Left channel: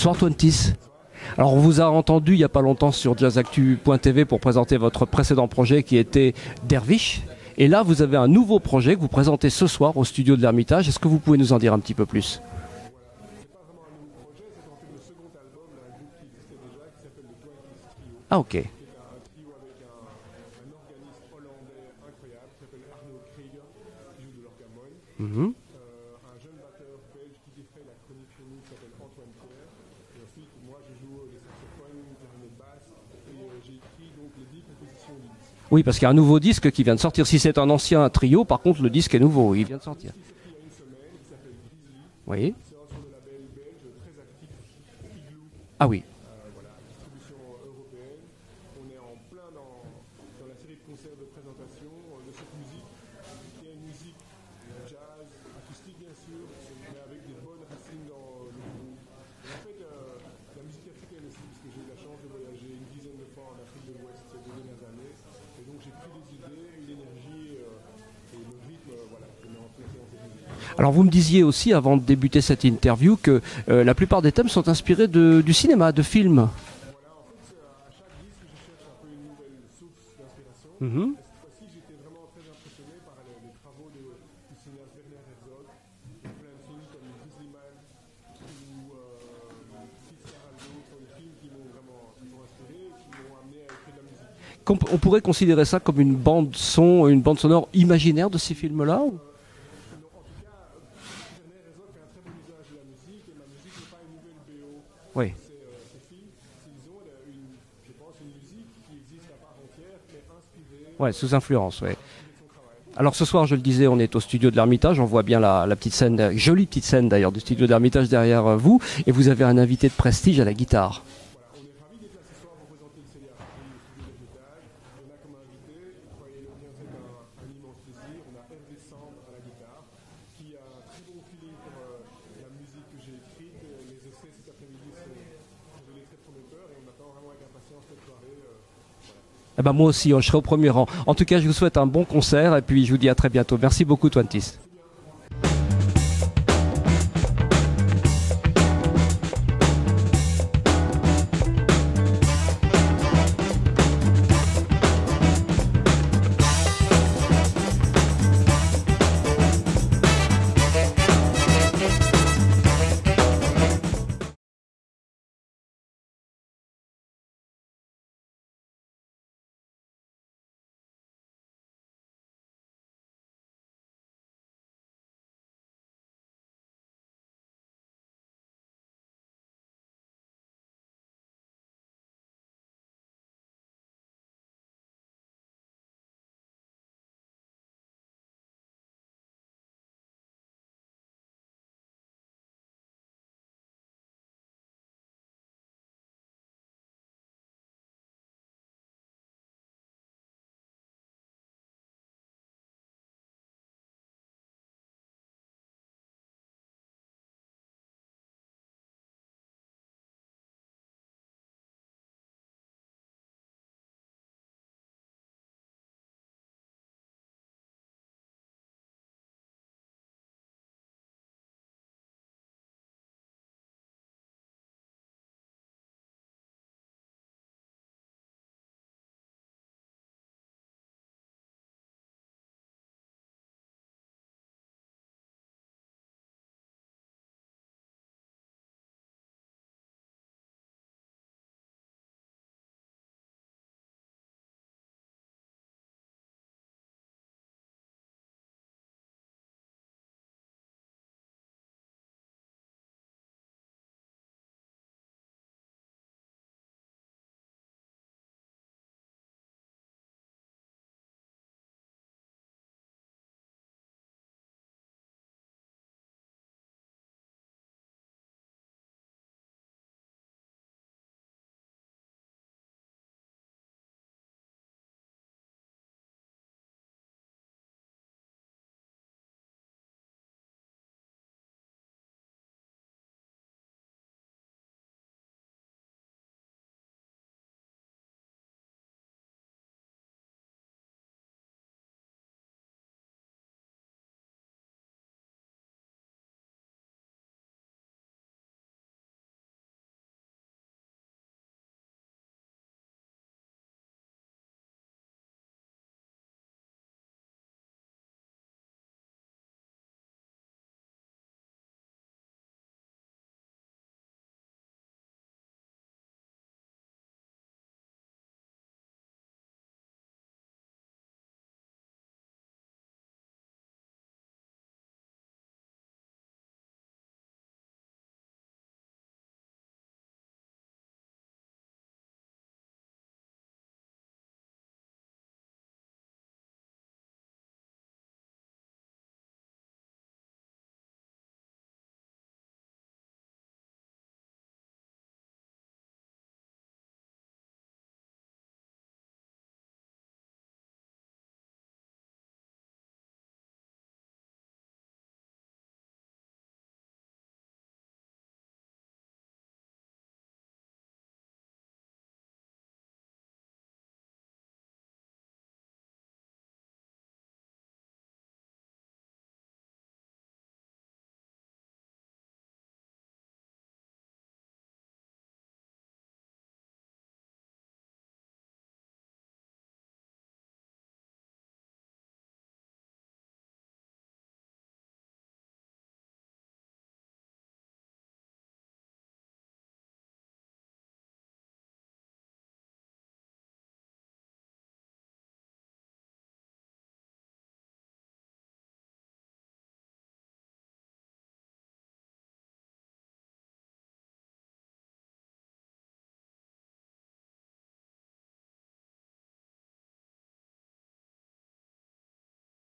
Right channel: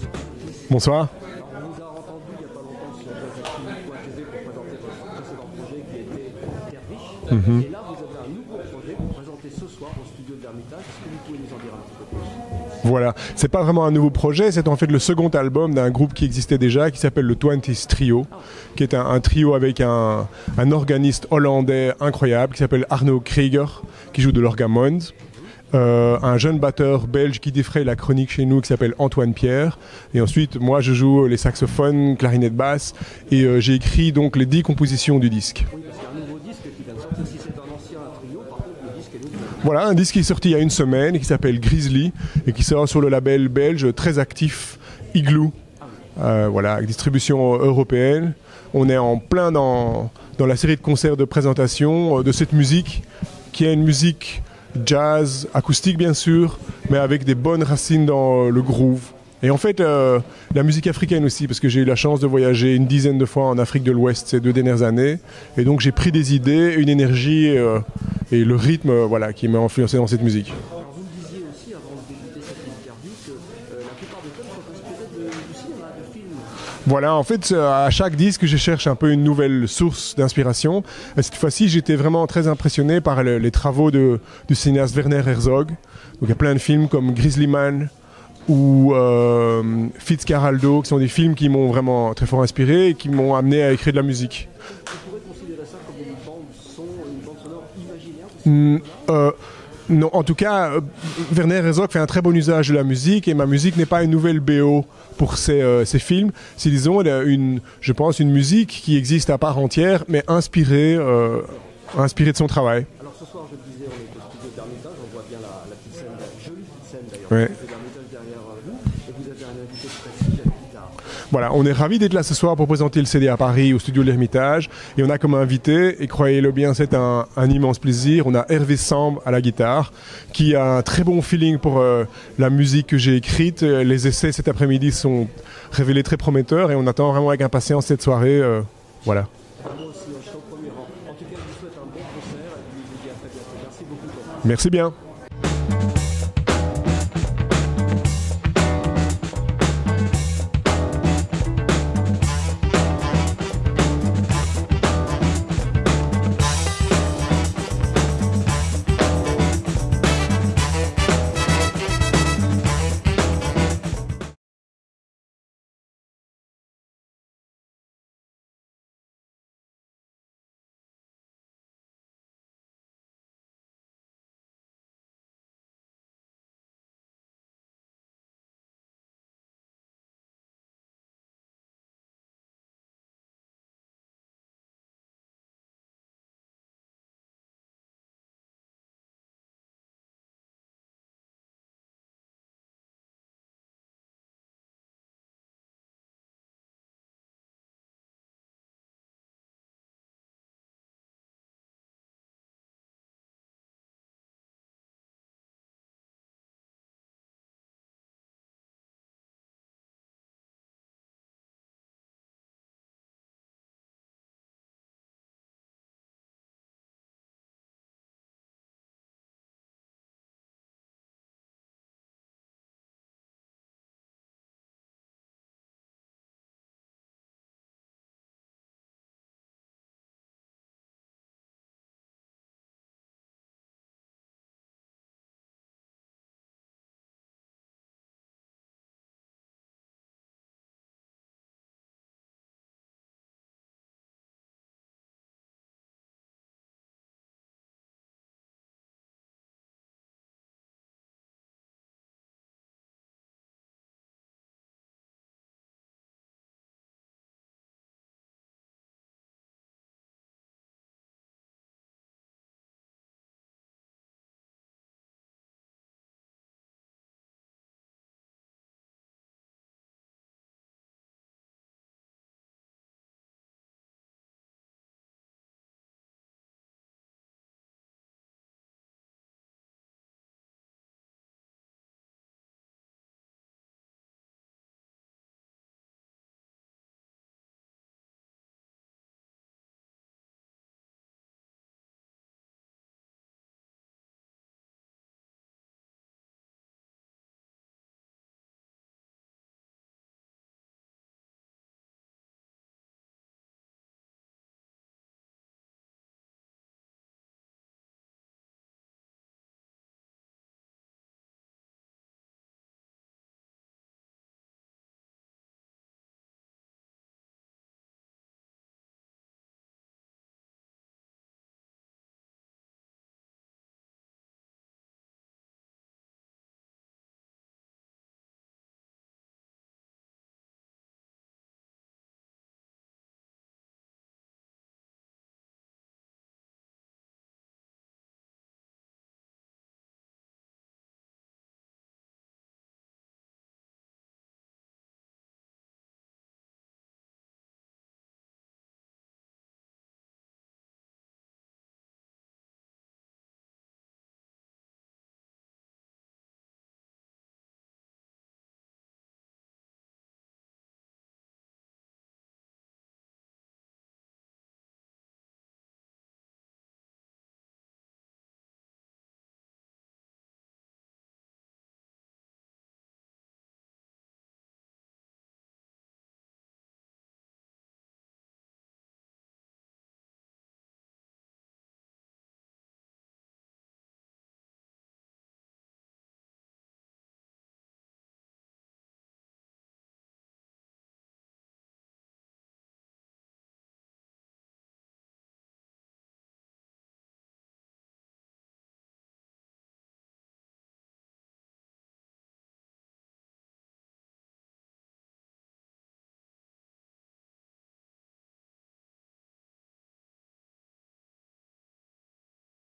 Bonsoir Twentis. Bonsoir. Alors on vous a entendu il n'y a pas longtemps sur jazactu.tv pour présenter votre précédent projet qui était Dervish. Et là vous avez un nouveau projet que vous présentez ce soir au studio de l'Ermitage. Est-ce que vous pouvez nous en dire un petit peu plus ? Voilà, c'est pas vraiment un nouveau projet, c'est en fait le second album d'un groupe qui existait déjà, qui s'appelle le Twenties Trio, qui est un trio avec un organiste hollandais incroyable qui s'appelle Arno Krieger, qui joue de l'orgamond, un jeune batteur belge qui défraye la chronique chez nous qui s'appelle Antoine Pierre, et ensuite moi je joue les saxophones, clarinette basse, et j'ai écrit donc les 10 compositions du disque. Oui, parce qu'il y a un nouveau disque qui vient de sortir. Si c'est un ancien trio, par contre le disque est nouveau. Voilà, un disque qui est sorti il y a une semaine qui s'appelle Grizzly, et qui sort sur le label belge très actif Igloo. Ah oui. Voilà, avec distribution européenne. On est en plein dans la série de concerts de présentation de cette musique, qui est une musique jazz, acoustique bien sûr, mais avec des bonnes racines dans le groove. Et en fait, la musique africaine aussi, parce que j'ai eu la chance de voyager une dizaine de fois en Afrique de l'Ouest ces 2 dernières années. Et donc j'ai pris des idées, une énergie et le rythme qui m'a influencé dans cette musique. Alors vous me disiez aussi, avant de débuter cette interview, que la plupart des thèmes sont inspirés du cinéma, de films. Voilà, en fait, à chaque disque, je cherche un peu une nouvelle source d'inspiration. Cette fois-ci, j'étais vraiment très impressionné par les travaux du cinéaste Werner Herzog. Donc il y a plein de films comme Grizzly Man, ou Fitzcarraldo, qui sont des films qui m'ont vraiment très fort inspiré et qui m'ont amené à écrire de la musique. On pourrait considérer ça comme une bande sonore imaginaire de ces films-là Non, en tout cas, Werner Herzog fait un très bon usage de la musique, et ma musique n'est pas une nouvelle BO pour ces films. C'est, disons, je pense, une musique qui existe à part entière, mais inspirée, sous influence, inspirée de son travail. Alors ce soir, je le disais, on est au studio de l'Ermitage. On voit bien la petite scène, jolie petite scène d'ailleurs, du studio de l'Ermitage derrière vous. Et vous avez un invité de prestige à la guitare. Voilà, on est ravis d'être là ce soir pour présenter le CD à Paris, au studio de l'Ermitage. Et on a comme invité, et croyez-le bien, c'est un immense plaisir, on a Hervé Samb à la guitare, qui a un très bon feeling pour la musique que j'ai écrite. Les essais cet après-midi sont révélés très prometteurs, et on attend vraiment avec impatience cette soirée. Voilà. Eh ben moi aussi, je serai au premier rang. En tout cas, je vous souhaite un bon concert, et puis je vous dis à très bientôt. Merci beaucoup, Twentis. Merci bien.